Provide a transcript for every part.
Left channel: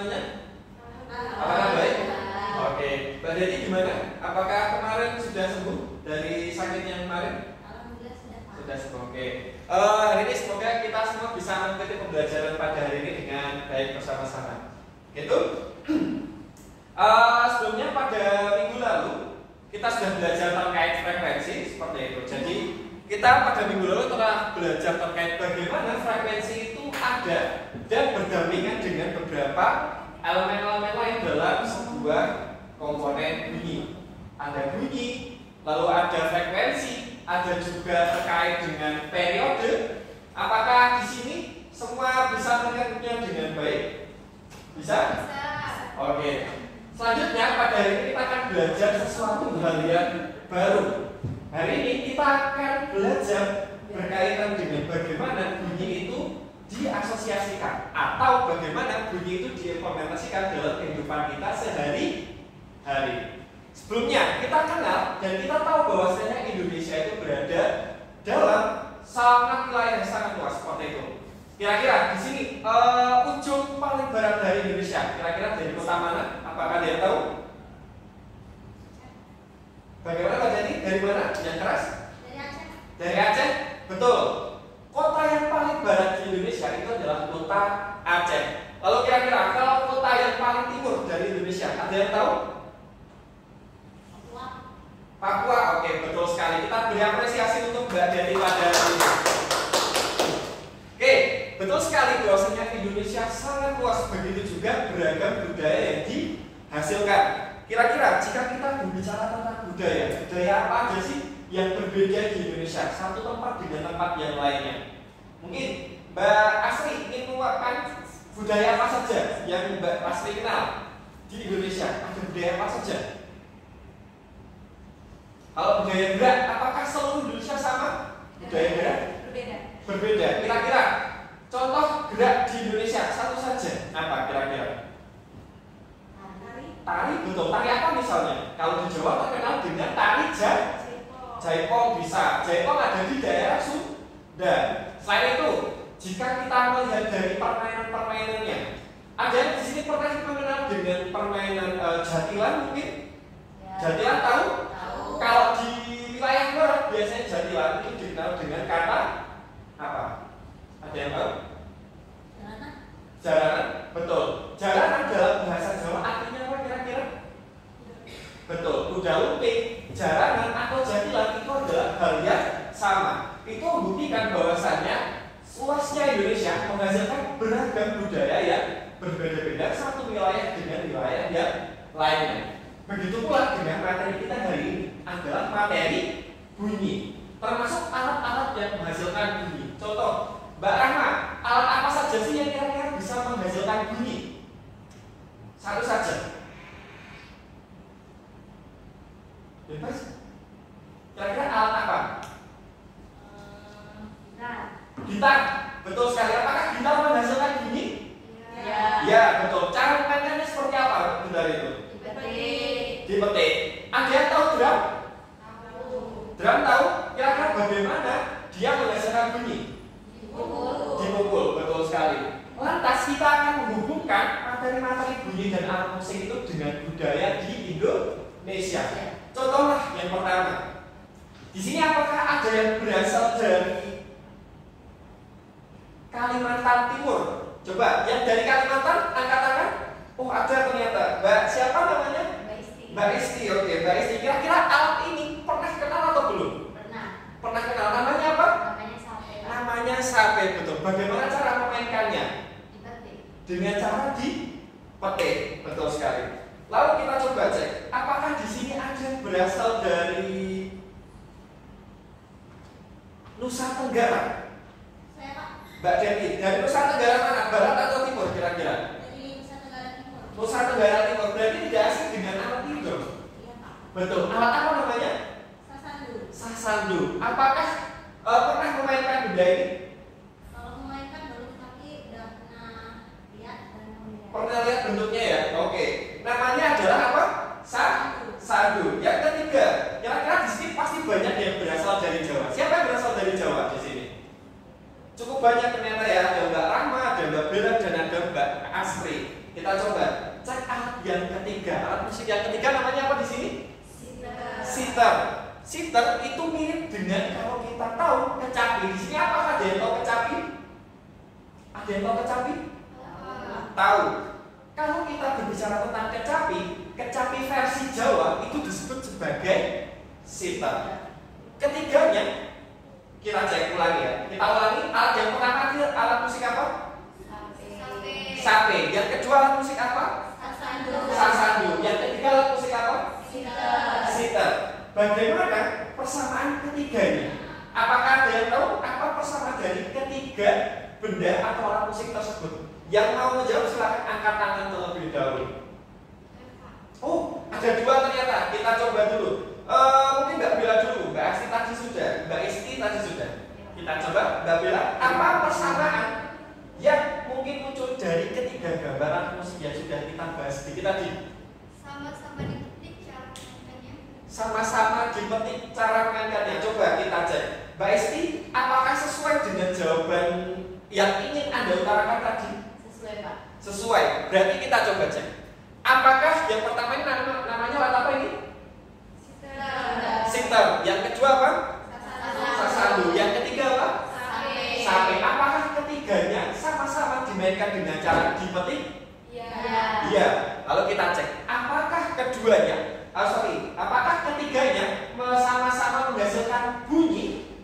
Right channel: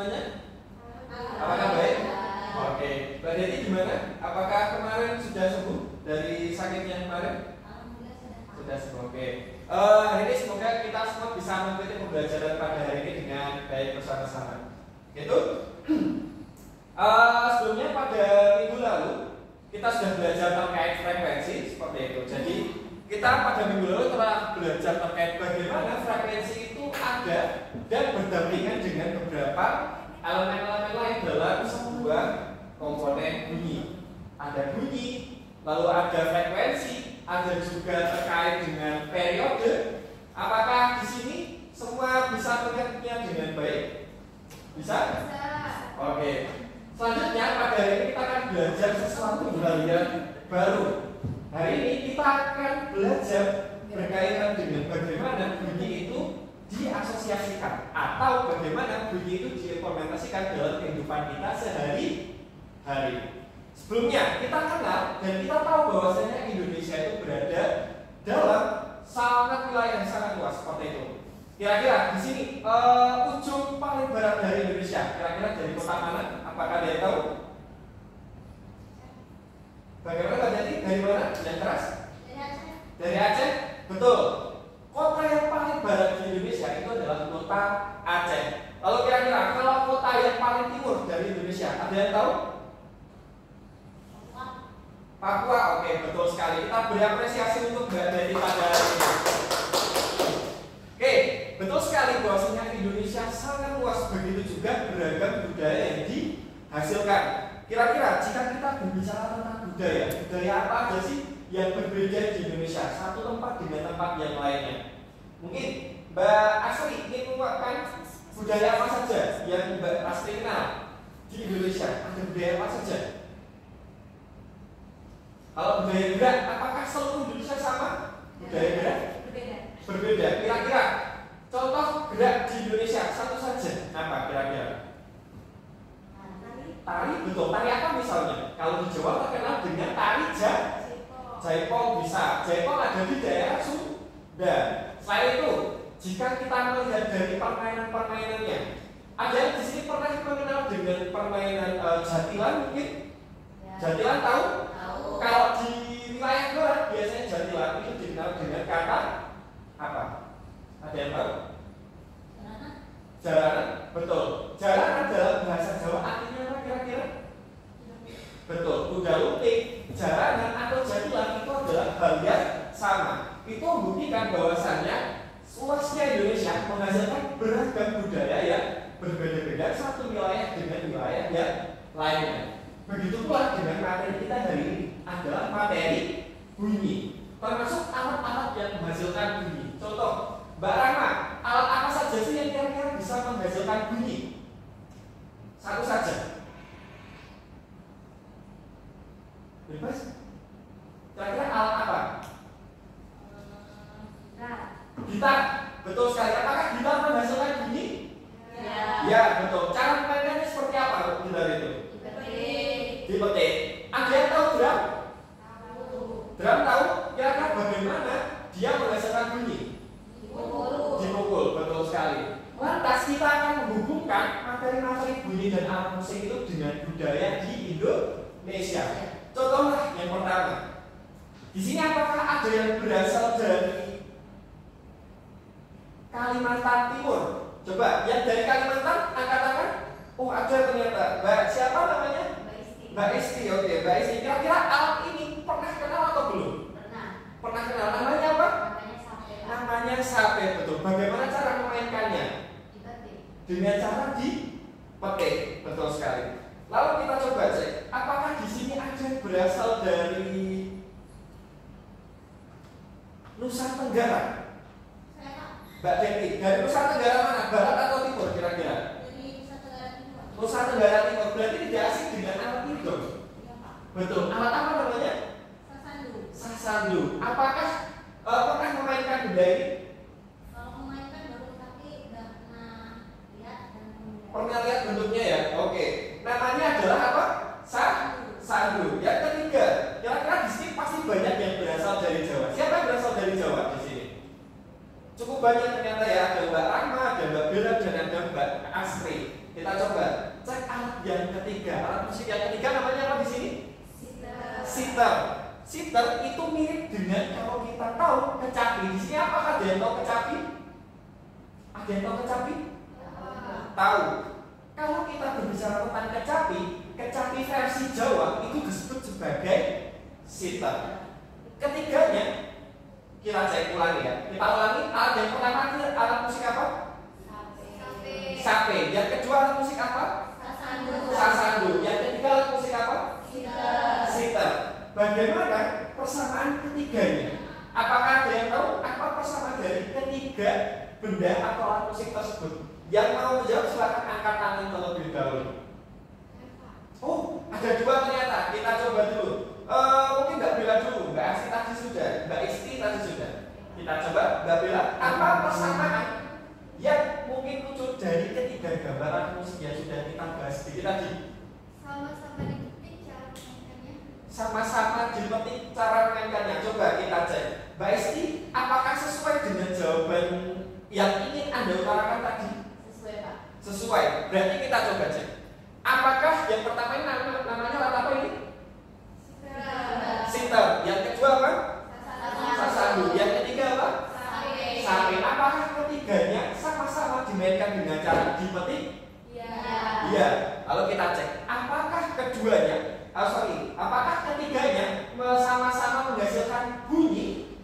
semuanya? Apakah baik? Oke, Mbak Deti gimana? Apakah kemarin sudah sembuh dari sakitnya kemarin? Sudah sembuh. Oke. Hari ini semoga kita semua bisa mengikuti pembelajaran pada hari ini dengan baik bersama-sama. Gitu. Sebelumnya pada minggu lalu kita sudah belajar terkait frekuensi seperti itu. Jadi kita pada minggu lalu telah belajar terkait bagaimana frekuensi itu ada dan berdampingan dengan beberapa elemen-elemen lain dalam sebuah komponen bunyi. Ada bunyi, lalu ada frekuensi, ada juga terkait dengan periode. Apakah di sini semua bisa mengertinya dengan baik? Bisa? Bisa. Oke. Selanjutnya pada hari ini kita akan belajar sesuatu hal yang baru. Hari ini kita akan belajar berkaitan dengan bagaimana bunyi itu diasosiasikan atau bagaimana bunyi itu diimplementasikan dalam kehidupan kita sehari-hari. Sebelumnya kita kenal dan kita tahu bahwasanya Indonesia itu berada dalam wilayah yang sangat luas seperti itu. Kira-kira di sini ujung paling barat dari Indonesia, kira-kira dari kota mana? Apakah dia tahu? Bagaimana Mbak Jadi? Dari mana? Yang keras? Dari Aceh. Dari Aceh? Betul. Kota yang paling barat di Indonesia itu adalah kota Aceh. Lalu kira-kira kalau kota yang paling timur dari Indonesia, ada yang tahu? Papua. Papua, oke, betul sekali. Kita beri apresiasi untuk Mbak Deti pada hari ini. Oke, betul sekali bahwasanya Indonesia sangat luas, begitu juga beragam budaya yang dihasilkan. Kira-kira jika kita berbicara tentang budaya apa aja sih yang berbeda di Indonesia satu tempat dengan tempat yang lainnya? Mungkin Mbak Asri ingin mengungkapkan budaya apa saja yang Mbak Asri kenal di Indonesia? Ada budaya apa saja? Kalau budaya gerak, apakah seluruh Indonesia sama? Budaya gerak? Berbeda. Kira-kira contoh gerak di Indonesia satu saja apa kira-kira? Tari, betul. Tari apa misalnya? Kalau di Jawa terkenal dengan tari jaipong bisa. Jaipong ada di daerah Sunda. Selain itu, jika kita melihat dari permainan-permainannya, ada yang di sini pernah mengenal dengan permainan jatilan mungkin? Ya. Jatilan tahu? Tahu. Kalau di wilayah barat biasanya jatilan itu dikenal dengan kata apa? Ada yang tahu? Jaranan, betul. Jaranan dalam bahasa Jawa artinya apa kira-kira? Betul, kuda lumping, jaranan atau jatilan itu adalah hal yang sama. Itu membuktikan bahwasannya luasnya Indonesia menghasilkan beragam budaya yang berbeda-beda satu wilayah dengan wilayah yang lainnya. Begitu pula dengan materi kita hari ini adalah materi bunyi, termasuk alat-alat yang menghasilkan bunyi. Contoh, Mbak Rahma, alat apa saja sih yang kira-kira bisa menghasilkan bunyi? Satu saja. Bebas. Kira-kira alat apa? Gitar. Gitar. Betul sekali. Apakah gitar menghasilkan bunyi? Ya. Ya, betul. Cara memainkannya seperti apa gitar itu? Dipetik. Dipetik. Ada yang tahu drum? Tahu. Drum tahu? Kira-kira bagaimana dia menghasilkan bunyi? Dipukul, betul sekali. Lantas kita akan menghubungkan materi-materi bunyi dan alat musik itu dengan budaya di Indonesia. Contohlah yang pertama. Di sini apakah ada yang berasal dari Kalimantan Timur? Coba, yang dari Kalimantan angkat tangan. Oh, ada ternyata. Mbak siapa namanya? Mbak Isti. Oke, Mbak Isti. Kira-kira alat ini pernah kenal atau belum? Pernah. Pernah kenal. Namanya apa? Namanya sape, betul. Bagaimana cara memainkannya? Dipetik. Dengan cara dipetik, betul sekali. Lalu kita coba cek, apakah di sini ada yang berasal dari Nusa Tenggara? Saya Pak. Mbak Deti, dari Nusa Tenggara mana? Barat atau timur kira-kira? Dari Nusa Tenggara Timur. Nusa Tenggara Timur, berarti tidak asing dengan alat itu dong? Iya Pak. Betul. Alat apa namanya? Sasandu. Sasandu. Apakah pernah memainkan benda ini? Kalau memainkan baru tapi udah pernah lihat dan melihat. Pernah lihat bentuknya ya? Oke. Namanya adalah apa? Sandu. Yang ketiga, kira-kira di sini pasti banyak yang berasal dari Jawa. Siapa yang berasal dari Jawa di sini? Cukup cukup banyak ternyata ya. Ada Mbak Rahma, ada Mbak Bella, dan ada Mbak Asri. Kita coba cek alat yang ketiga. Alat musik yang ketiga namanya apa di sini? Sitar. Sitar itu mirip dengan kalau kita tahu kecapi. Di sini apakah ada yang tahu kecapi? Ada yang tahu kecapi? Tahu. Kalau kita berbicara tentang kecapi, kecapi versi Jawa itu disebut sebagai sitar. Ketiganya kita cek ulangi ya. Kita ulangi. Alat yang pertama alat musik apa? Sape. Yang kedua alat musik apa? Sasandu. Yang ketiga alat musik apa? Sitar. Bagaimana persamaan ketiganya? Apakah ada yang tahu apa persamaan dari ketiga benda atau alat musik tersebut? Yang mau menjawab silakan angkat tangan terlebih dahulu. Oh, ada dua ternyata. Kita coba dulu. Mungkin Mbak Bella dulu. Mbak Asti tadi sudah. Mbak Isti tadi sudah. Kita coba Mbak Bella. Apa persamaan yang mungkin muncul dari ketiga gambaran musik yang sudah kita bahas sedikit tadi? Sama-sama dipetik cara memainkannya. Sama-sama dipetik cara memainkannya. Coba kita cek. Mbak Isti, apakah sesuai dengan jawaban yang ingin Anda utarakan tadi? Sesuai, Pak. Sesuai. Berarti kita coba cek. Apakah yang pertama ini namanya alat apa ini? Sitar. Yang kedua apa? Sasandu. Yang ketiga apa? Sape. Apakah ketiganya sama-sama dimainkan dengan cara dipetik? Iya. Lalu kita cek. Apakah keduanya? Apakah ketiganya sama-sama menghasilkan bunyi?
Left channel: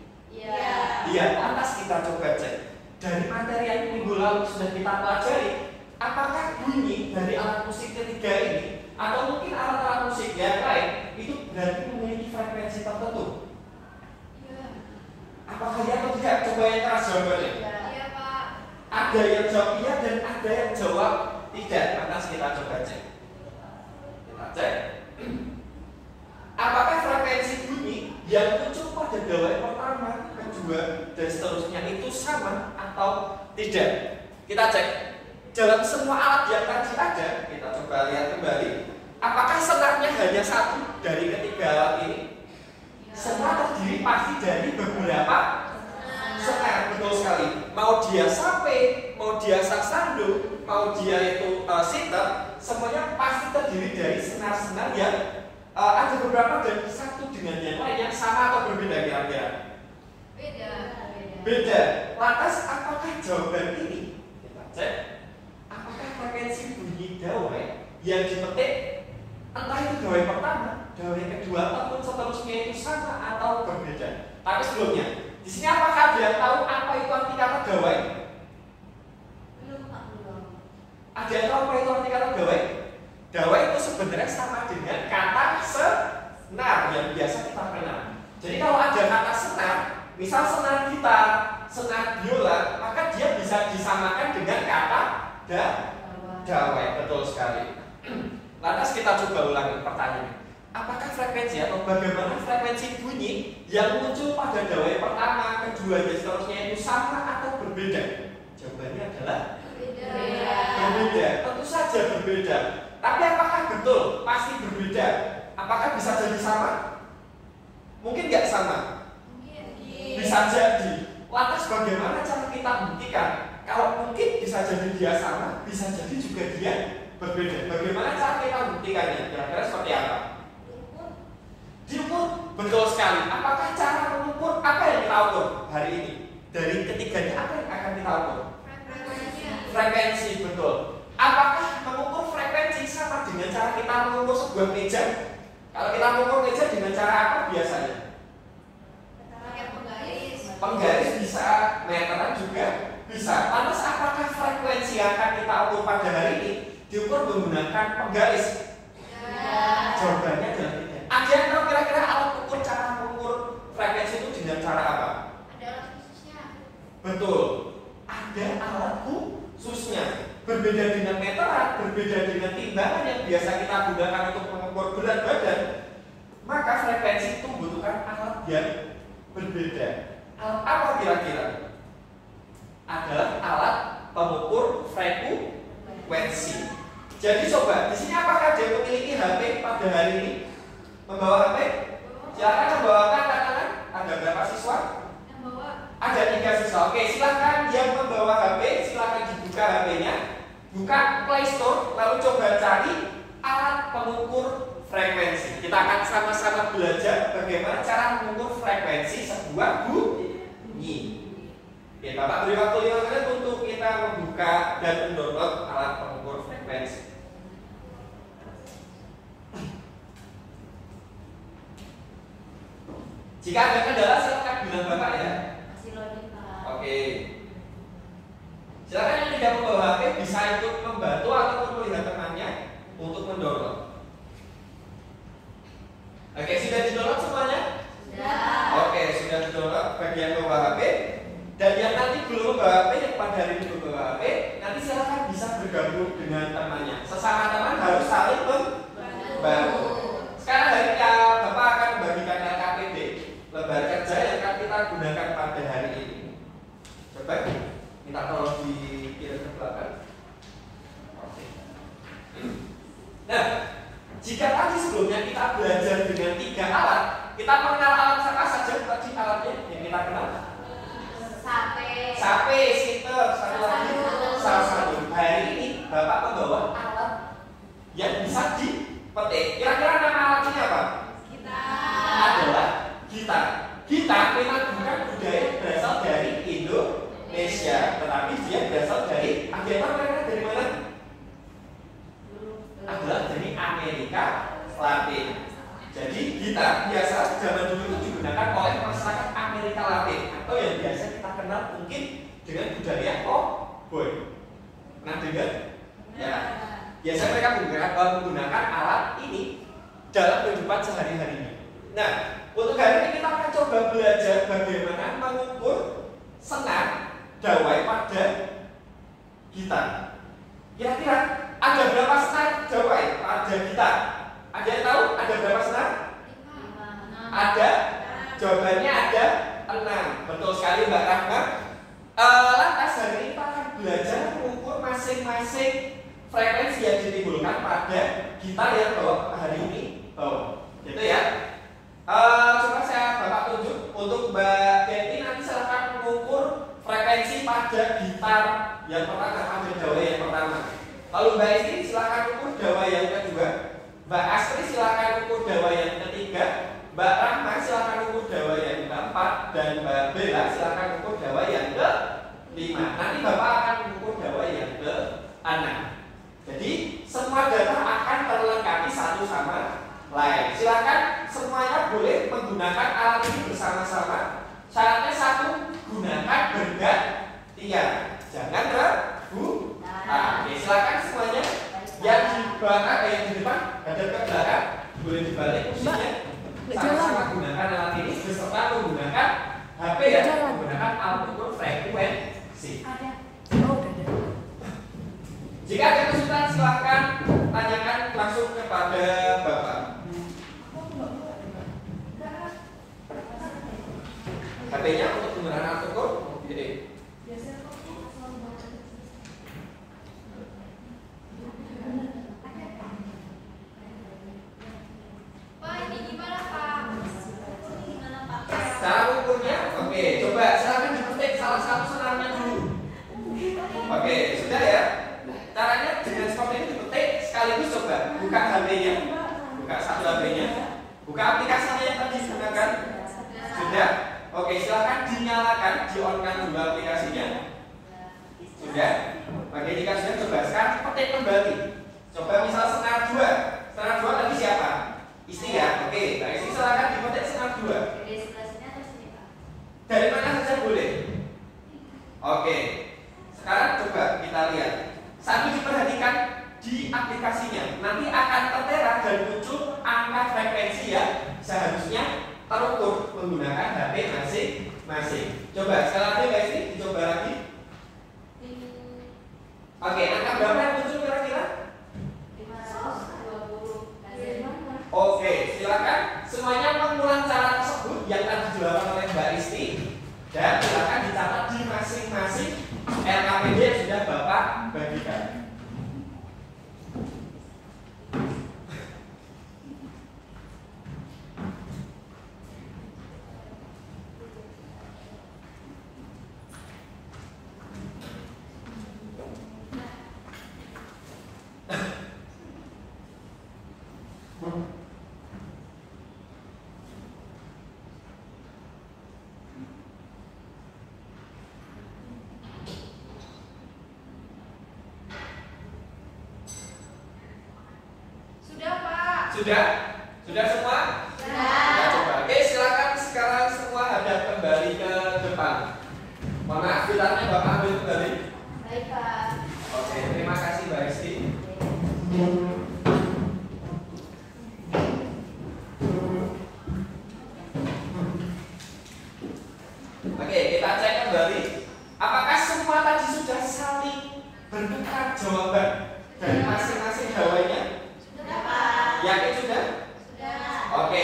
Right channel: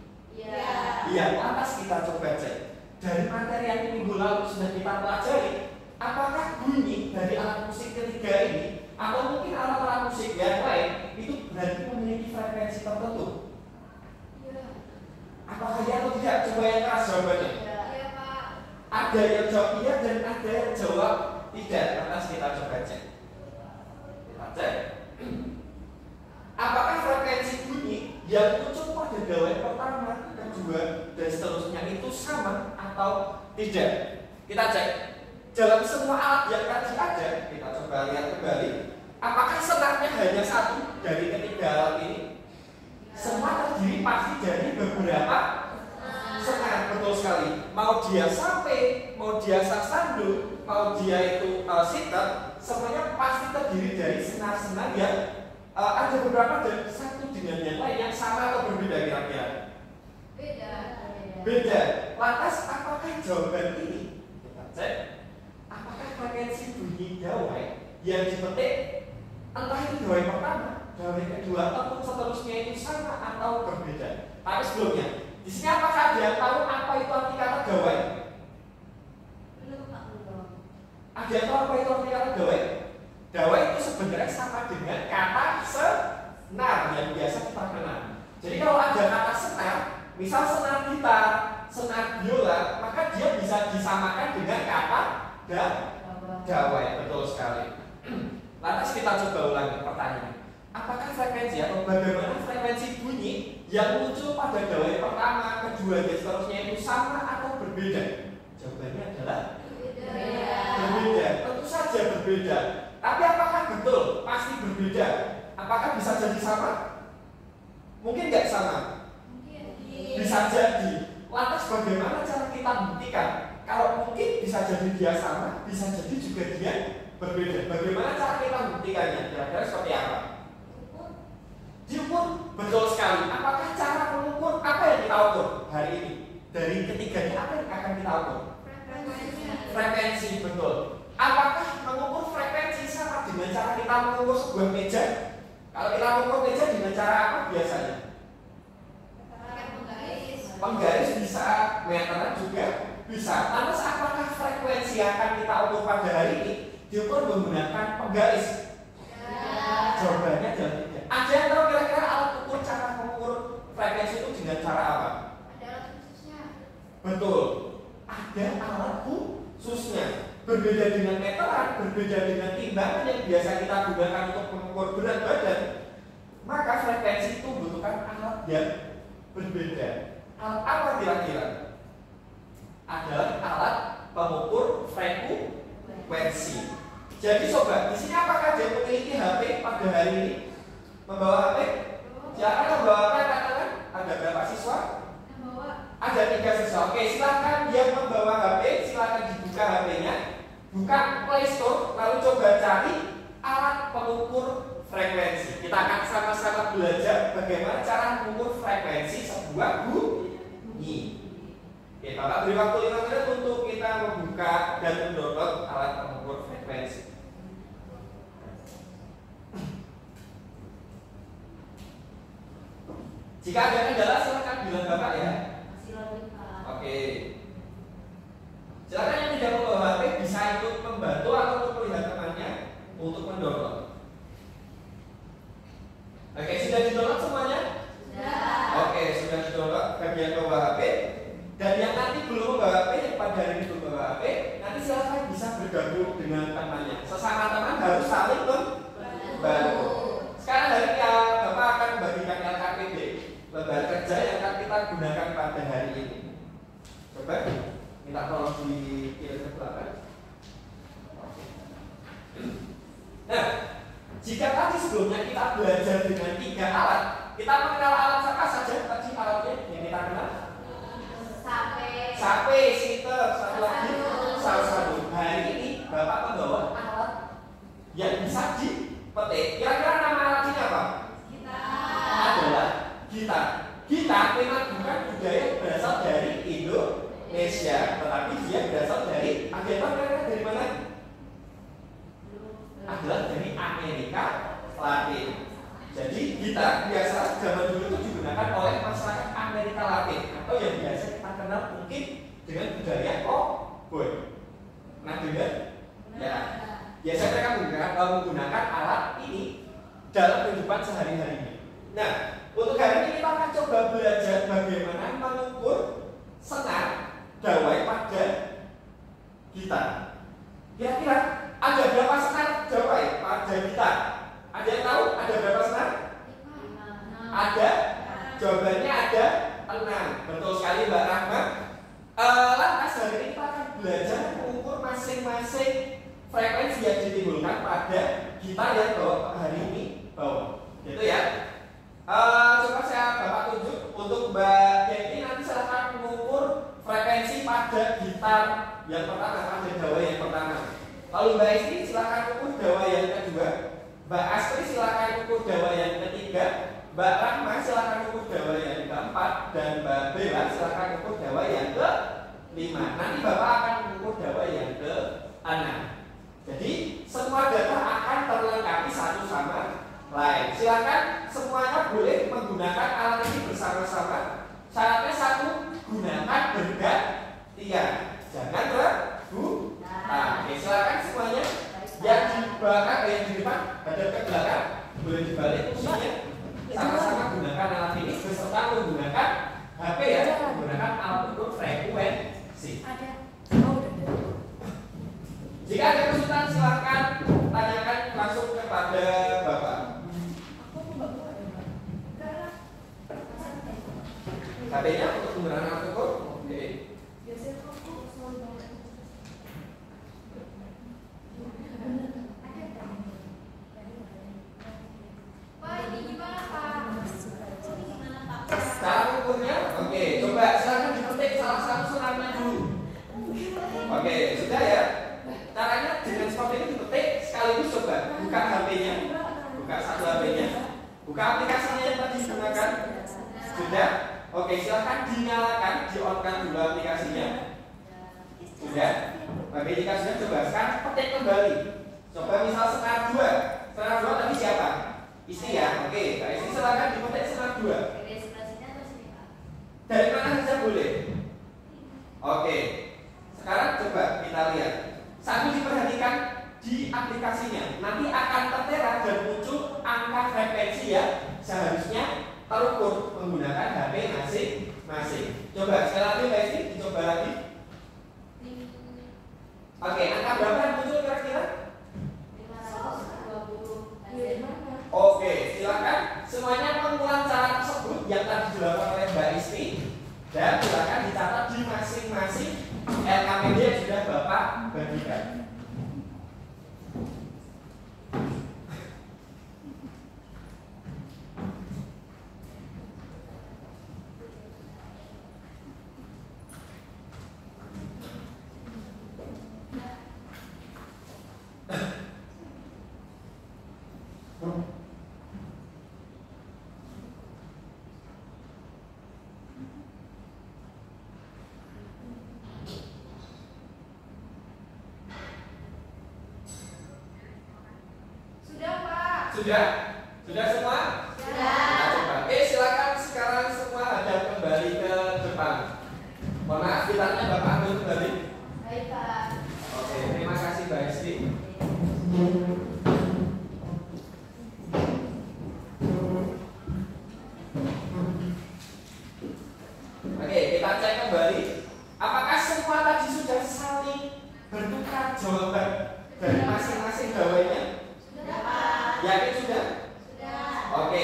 Iya. Lantas kita coba cek. Dari materi yang minggu lalu sudah kita pelajari, apakah bunyi dari alat musik ketiga ini atau mungkin alat-alat musik yang lain itu berarti memiliki frekuensi tertentu? Apakah iya atau tidak? Coba yang keras jawabannya. Iya, Pak. Ada yang jawab iya dan ada yang jawab tidak. Lantas kita coba cek. Kita cek. Apakah frekuensi bunyi yang muncul pada dawai pertama, kedua, dan seterusnya itu sama atau tidak? Kita cek. Dalam semua alat yang tadi ada, kita coba lihat kembali. Apakah senarnya hanya satu dari ketiga alat ini? Senar terdiri pasti dari beberapa senar, betul sekali. Mau dia sape, mau dia sasandu, mau dia itu sitar, semuanya pasti terdiri dari senar-senar yang ada beberapa dan satu dengan yang lain yang sama atau berbeda kira-kira? Beda. Lantas apakah jawaban ini? Kita cek. Apakah frekuensi bunyi dawai yang dipetik entah itu dawai pertama, dawai kedua ataupun seterusnya itu sama atau berbeda? Tapi sebelumnya, di sini apakah ada yang tahu apa itu arti kata dawai? Belum, Pak. Ada yang tahu apa itu arti kata dawai? Dawai itu sebenarnya sama dengan kata senar yang biasa kita kenal. Jadi kalau ada kata senar, misal senar gitar, senar biola, maka dia bisa disamakan dengan kata dawai. Betul sekali. Lantas kita coba ulangi pertanyaan. Apakah frekuensi atau bagaimana frekuensi bunyi yang muncul pada dawai pertama, kedua, dan seterusnya itu sama atau berbeda? Jawabannya adalah berbeda. Tentu saja berbeda. Tapi apakah betul pasti berbeda? Apakah bisa jadi sama? Mungkin nggak sama. Bisa jadi. Lantas bagaimana cara kita buktikan? Kalau mungkin bisa jadi dia sama, bisa jadi juga dia berbeda. Bagaimana cara kita buktikannya? Kira-kira seperti apa? Diukur. Betul sekali. Apakah cara mengukur apa yang kita ukur hari ini? Dari ketiganya apa yang akan kita ukur? Frekuensi, betul. Apakah mengukur frekuensi sama dengan cara kita mengukur sebuah meja? Kalau kita mengukur meja dengan cara apa biasanya? Penggaris bisa, meteran juga bisa. Lantas apakah frekuensi yang akan kita ukur pada hari ini diukur menggunakan penggaris? Jawabannya adalah tidak. Ada yang tahu kira-kira alat ukur cara mengukur frekuensi itu dengan cara apa? Ada alat khususnya. Betul. Ada alat khususnya. Berbeda dengan meteran, berbeda dengan timbangan yang biasa kita gunakan untuk mengukur berat badan, maka frekuensi itu membutuhkan alat yang berbeda. Alat apa kira-kira? Adalah alat pengukur frekuensi. Jadi coba, di sini apakah dia memiliki HP pada hari ini? Membawa HP? Silakan membawakan katakan. Ada berapa siswa? Yang bawa Ada 3 siswa. Oke, silakan yang membawa HP, silakan dibuka HP-nya, buka Play Store, lalu coba cari alat pengukur frekuensi. Kita akan sama-sama belajar bagaimana cara mengukur frekuensi sebuah bunyi. Oke, Bapak beri waktu 5 menit untuk kita membuka dan mendownload alat pengukur frekuensi. Jika ada kendala silakan bilang Bapak ya. Masih loading, Pak. Oke. Silakan yang tidak membawa HP bisa ikut membantu ataupun melihat temannya untuk mendownload. Oke, sudah di-download semuanya? Sudah. Oke, sudah di-download bagi yang membawa HP. Dan yang nanti belum membawa HP, yang pada hari ini belum membawa HP, nanti silakan bisa bergabung dengan temannya. Sesama teman harus saling membantu. Sekarang hari ini Bapak akan membagikan LKPD, lembar kerja yang akan kita gunakan pada hari ini. Coba minta tolong dikirim ke belakang. Oke. Nah, jika tadi sebelumnya kita belajar dengan 3 alat, kita mengenal alat apa saja tadi alatnya yang kita kenal? Sape, siter, satu lagi salah satu. Hari ini Bapak membawa alat yang bisa dipetik. Kira-kira nama alatnya apa? Adalah gitar. Gitar memang bukan budaya berasal dari Indonesia, tetapi dia berasal dari dari mana? Adalah dari Amerika Latin. Jadi gitar biasa zaman dulu itu digunakan oleh masyarakat Amerika Latin atau yang biasa kita kenal mungkin dengan budaya cowboy. Nah, dengan ya biasanya mereka menggunakan alat ini dalam kehidupan sehari-harinya. Nah, untuk hari ini kita akan coba belajar bagaimana mengukur senar dawai pada gitar. Kira-kira ada berapa senar dawai pada gitar? Ada yang tahu ada berapa senar? Ada? Jawabannya ada 6. Betul sekali Mbak Rahma. Lantas hari ini kita akan belajar mengukur masing-masing frekuensi yang ditimbulkan pada gitar yang hari ini bawa. Gitu ya. Coba saya Bapak tunjuk untuk Mbak Deti, nanti silakan mengukur frekuensi pada gitar yang pertama, pada dawai yang pertama. Lalu Mbak Esti silakan ukur dawai yang kedua. Mbak Astri silakan ukur dawai yang ketiga. Mbak Rahma silakan ukur dawai yang keempat. Dan Mbak Bella silakan ukur dawai yang ke-5. Nanti Bapak akan mengukur dawai yang ke-6. Jadi semua data akan terlengkapi satu sama lain. Silakan semuanya boleh menggunakan alat ini bersama-sama. Syaratnya satu, gunakan bergantian. Jangan ragu. Oke, silakan semuanya. Yang di belakang, yang di depan, hadap ke belakang, boleh dibalik kursinya. Sama-sama gunakan alat ini beserta menggunakan HP ya, menggunakan alat ukur frekuensi. Jika ada kesulitan silahkan tanyakan langsung kepada Bapak. HP-nya untuk penggunaan alat ukur gede. Cara ukurnya, oke, coba silakan dipetik salah satu senarnya dulu. Oke, sudah ya. Caranya dengan seperti ini dipetik sekaligus coba buka HP-nya, buka satu HP-nya, buka aplikasinya yang tadi digunakan. Sudah? Oke, silakan dinyalakan, di-on-kan dulu aplikasinya. Sudah? Oke, jika sudah coba sekarang petik kembali. Coba misal senar 2. Senar 2 tadi siapa? Isti ya? Oke, Mbak Isti silakan dipetik senar 2. Dari mana saja boleh. Oke, sekarang coba kita lihat. Sambil diperhatikan di aplikasinya, nanti akan tertera dan muncul angka frekuensi yang seharusnya terukur menggunakan HP masing-masing. Coba sekali lagi Mbak Isti, dicoba lagi. Oke, angka berapa yang muncul kira-kira? 520. Oke, silakan semuanya mengulang cara tersebut yang tadi dilakukan oleh Mbak Isti dan silakan dicatat di masing-masing LKPD yang sudah Bapak bagikan. Sudah? Sudah semua? Kita coba. Oke, silakan sekarang semua hadap kembali ke depan. Mohon maaf, gitarnya Bapak ambil kembali. Baik, Pak. Oke, terima kasih Mbak Esti. Oke, kita cek kembali. Apakah semua tadi sudah saling bertukar jawaban dari masing-masing gawainya? Sudah, Pak. Yakin sudah? Sudah. Oke,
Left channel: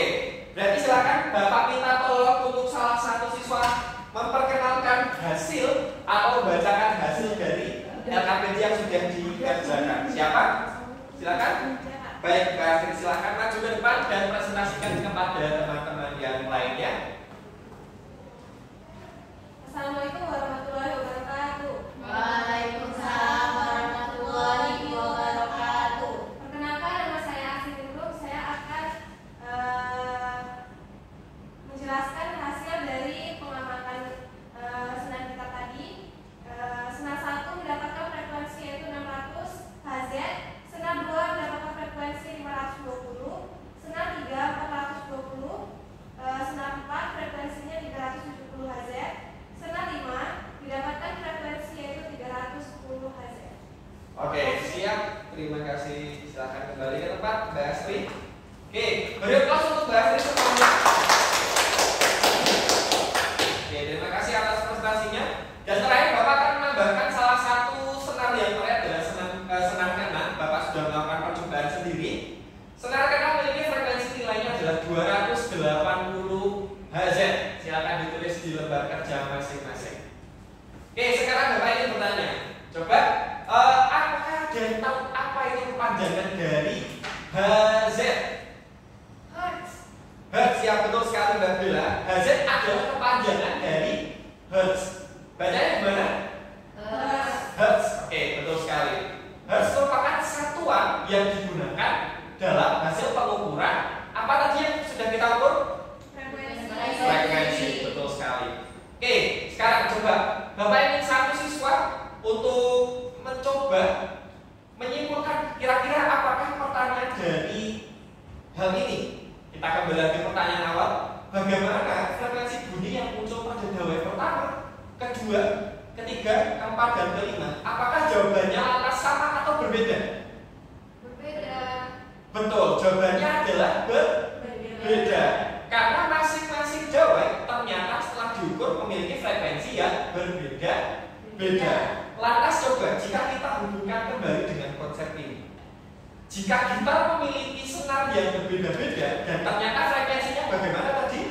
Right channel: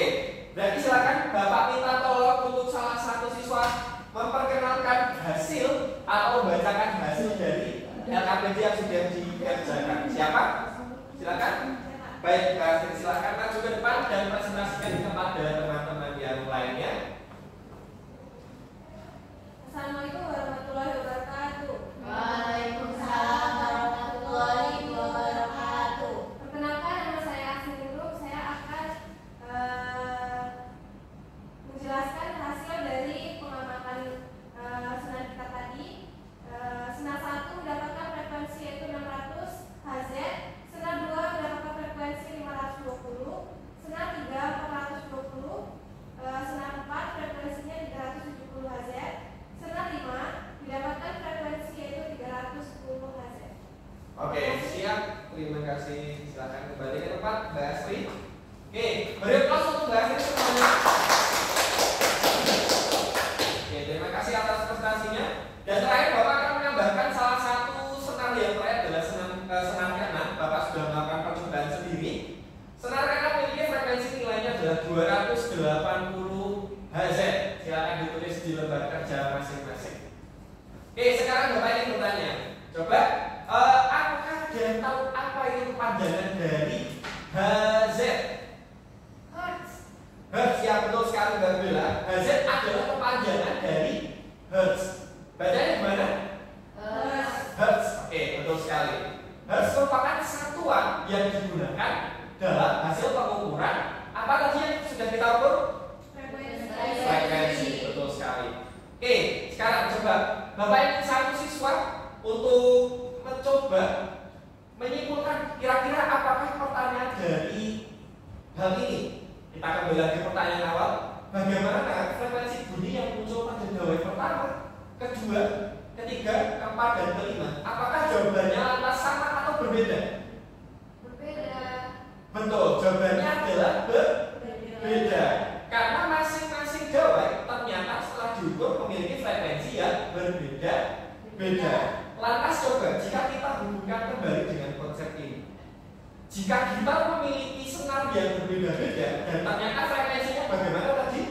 berarti silakan Bapak minta tolong untuk salah satu siswa memperkenalkan hasil atau membacakan hasil dari LKPD yang sudah dikerjakan. Siapa? Silakan. Baik, Mbak Astrid, silakan maju ke depan dan presentasikan kepada teman-teman yang lainnya. Assalamualaikum warahmatullahi wabarakatuh. Waalaikumsalam warahmatullahi wabarakatuh. Perkenalkan, nama saya Astrid Nurul. Saya akan menjelaskan hasil dari pengamatan senar kita tadi. Senar 1 mendapatkan frekuensi yaitu 600 Hz, senar 2 mendapatkan frekuensi 520, senar 3 420, senar 4 frekuensinya 370 Hz, senar 5 mendapatkan frekuensi yaitu 310 Hz. Oke, siap. Terima kasih. Silakan kembali ke tempat, Mbak Astrid. Oke, beri aplaus untuk Mbak Astrid semuanya. Oke, terima kasih atas prestasinya. Dan terakhir Bapak akan menambahkan salah satu senar yang terakhir adalah senar ke-6. Bapak sudah melakukan percobaan sendiri. Senar ke-6 memiliki frekuensi nilainya adalah 280 Hz. Silakan ditulis di lembar kerja masing-masing. Oke, sekarang Bapak ingin bertanya. Coba, apakah ada yang tahu apa itu kepanjangan dari Hz? Hertz. Hertz, ya betul sekali Mbak Bella. Hz adalah kepanjangan dari Hertz. Bacanya gimana? Hertz. Oke, betul sekali. Hertz merupakan satuan yang digunakan dalam hasil pengukuran apa tadi yang sudah kita ukur? Frekuensi. Betul sekali. Oke, sekarang coba Bapak ingin satu siswa untuk mencoba menyimpulkan kira-kira apakah pertanyaan dari hal ini. Kita kembali lagi pertanyaan awal. Bagaimana frekuensi bunyi yang muncul pada gawai pertama, kedua, ketiga, keempat, dan kelima? Apakah jawabannya lantas sama atau berbeda? Berbeda. Betul, jawabannya adalah berbeda. Karena masing-masing gawai ternyata setelah diukur memiliki frekuensi yang berbeda-beda. Lantas coba jika kita hubungkan kembali dengan konsep ini. Jika gitar memiliki senar yang berbeda-beda dan ternyata frekuensinya bagaimana tadi?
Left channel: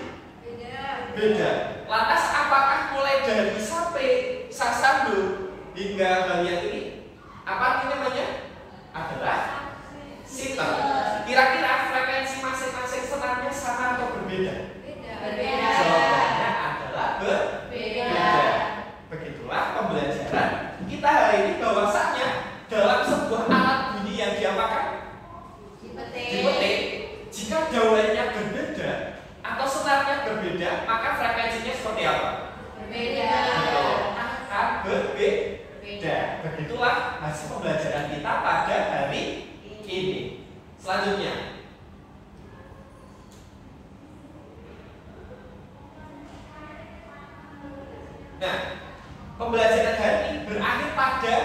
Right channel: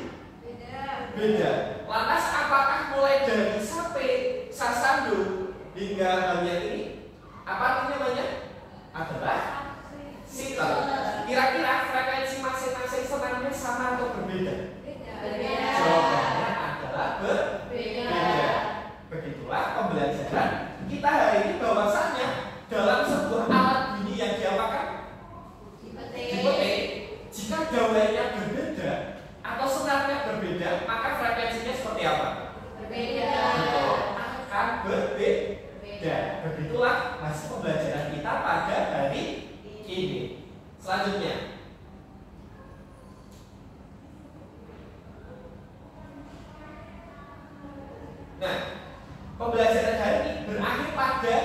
Beda. Lantas apakah mulai dari sampai sasando hingga bagian ini apa artinya namanya? Adalah sitar. Kira-kira frekuensi masing-masing senarnya sama atau berbeda? Berbeda. Jawabannya adalah berbeda. Begitulah pembelajaran kita hari ini, bahwasanya dalam sebuah alat bunyi yang diapakan? Dipetik. Jika gawainya berbeda atau senarnya berbeda, maka frekuensinya seperti apa? Berbeda. Betul. Akan berbeda. Begitulah hasil pembelajaran kita pada hari ini. Selanjutnya, nah, pembelajaran hari ini berakhir pada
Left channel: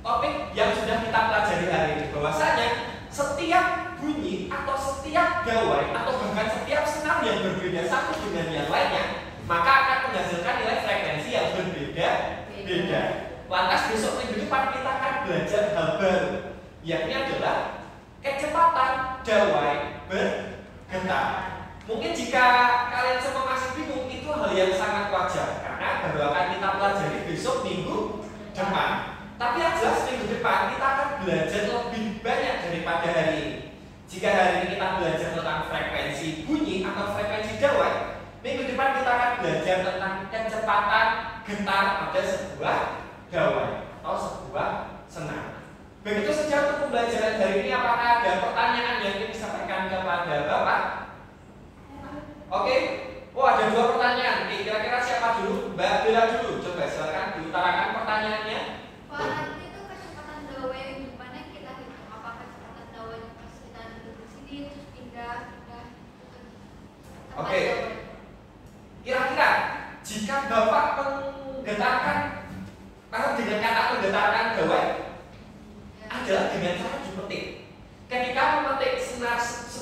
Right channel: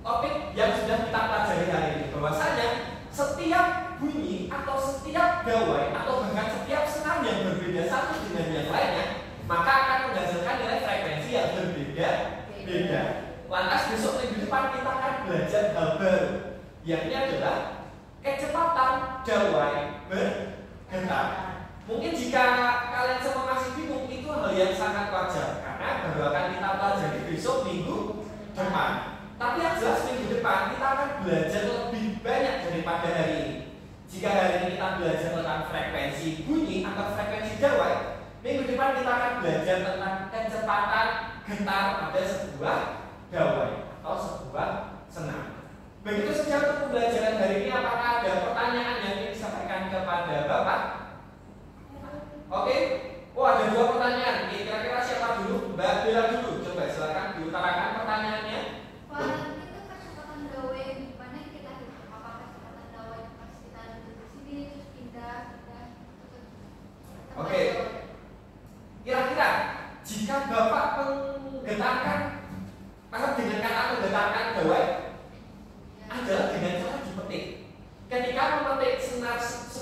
topik yang sudah kita pelajari hari ini, bahwasanya setiap bunyi atau setiap gawai atau bahkan setiap senar yang berbeda satu dengan yang lainnya maka akan menghasilkan nilai frekuensi yang berbeda-beda. Lantas besok minggu depan kita akan belajar hal baru, yakni adalah kecepatan gawai bergetar. Mungkin jika kalian semua masih bingung, itu hal yang sangat wajar karena baru akan kita pelajari besok minggu depan. Tapi yang jelas minggu depan kita akan belajar lebih banyak daripada hari ini. Jika hari ini kita belajar tentang frekuensi bunyi atau frekuensi gawai, minggu depan kita akan belajar tentang kecepatan getar pada sebuah gawai atau sebuah senar. Begitu saja untuk pembelajaran hari ini. Apakah ada pertanyaan yang ingin disampaikan kepada Bapak? Oke. Oh, ada dua pertanyaan. Kira-kira siapa dulu? Mbak Bella dulu. Coba silakan diutarakan pertanyaannya. Pak, nanti itu kecepatan gawai yang depannya kita hitung. Apa kecepatan gawai pas kita duduk di sini terus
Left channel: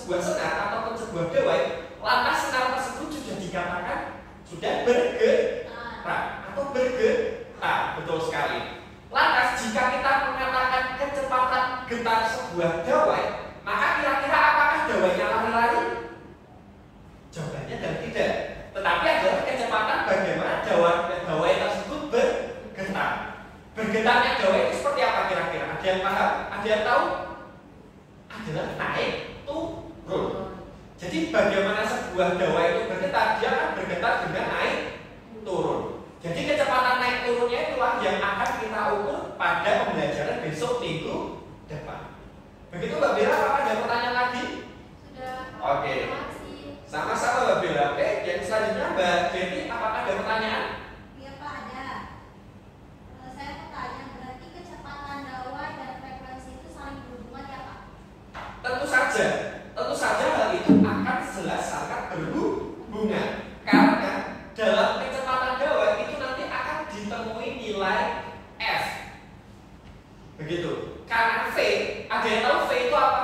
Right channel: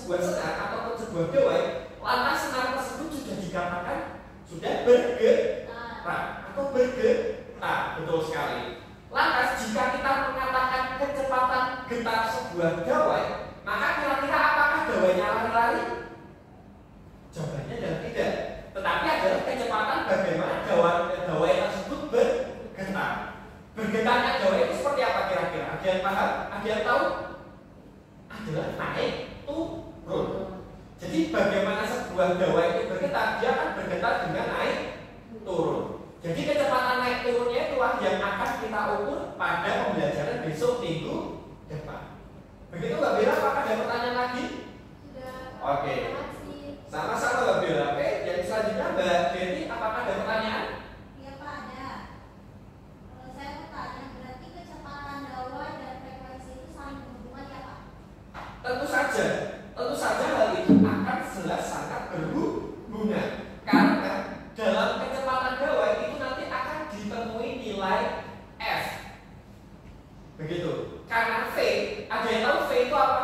sebuah senar ataupun sebuah gawai, lantas senar tersebut sudah dikatakan sudah bergerak atau bergerak. Betul sekali. Lantas jika kita mengatakan kecepatan getar sebuah gawai, maka kira-kira apakah gawainya lari-lari? Jawabannya adalah tidak. Tetapi adalah kecepatan bagaimana gawai tersebut bergetar. Bergetarnya gawai itu seperti apa kira-kira? Ada yang paham? Ada yang tahu? Adalah naik turun. Jadi bagaimana sebuah gawai itu bergetar? Dia akan bergetar dengan naik turun. Jadi kecepatan naik turunnya itulah yang akan kita ukur pada pembelajaran besok minggu depan. Begitu Mbak Bella, apakah ada pertanyaan lagi? Sudah. Oke. Sama-sama Mbak Bella. Oke, yang selanjutnya Mbak Jenny, apakah ada pertanyaan? Iya Pak, ada. Saya mau tanya, berarti kecepatan gawai dan frekuensi itu saling berhubungan ya Pak? Tentu saja hal itu akan jelas sangat berhubungan. Karena dalam kecepatan gawai itu nanti akan ditemui nilai F. Begitu. Karena V, ada yang tahu V itu apa?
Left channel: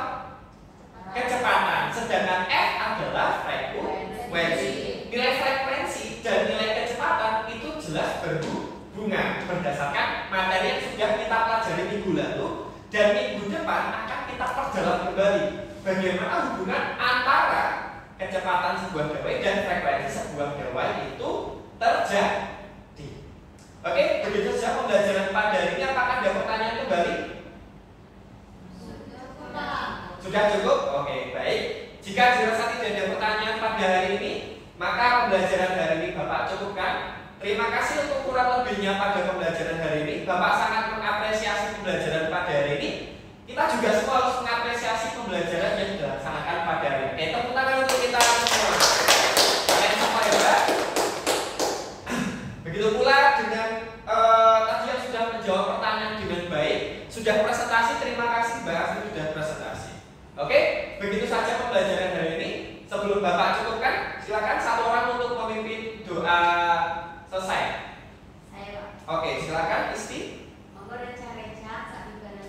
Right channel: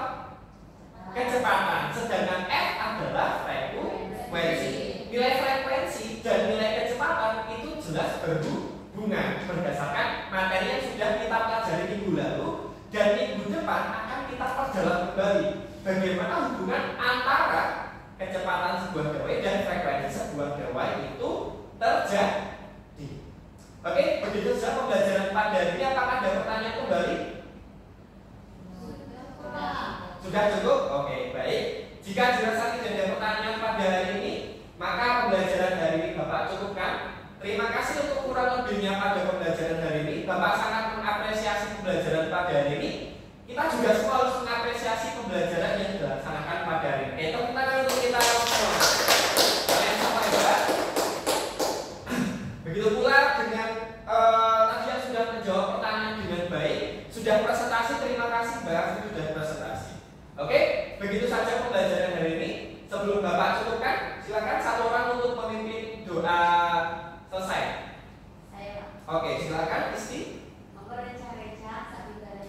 Kecepatan. Sedangkan F adalah frekuensi. Nilai frekuensi dan nilai kecepatan itu jelas berhubungan berdasarkan materi yang sudah kita pelajari minggu lalu, dan minggu depan akan kita perjelas kembali bagaimana hubungan antara kecepatan sebuah gawai dan frekuensi sebuah gawai itu terjadi. Oke, begitu saja pembelajaran pada hari ini. Apakah ada pertanyaan kembali? Sudah cukup? Oke, baik. Jika dirasa tidak ada pertanyaan pada hari ini, maka pembelajaran hari ini Bapak cukupkan. Terima kasih untuk kurang lebihnya pada pembelajaran hari ini. Bapak sangat mengapresiasi pembelajaran pada hari ini. Kita juga semua harus mengapresiasi pembelajaran yang dilaksanakan pada hari ini. Tepuk tangan untuk kita semua. Kalian semua hebat. Begitu pula dengan tadi yang sudah menjawab pertanyaan dengan baik, sudah presentasi. Terima kasih Mbak, sudah presentasi. Oke, begitu saja pembelajaran hari ini. Sebelum Bapak cukupkan, silakan satu orang untuk memimpin doa selesai. Saya Pak. Oke, silakan Isti. Monggo reca-reca saat ibadah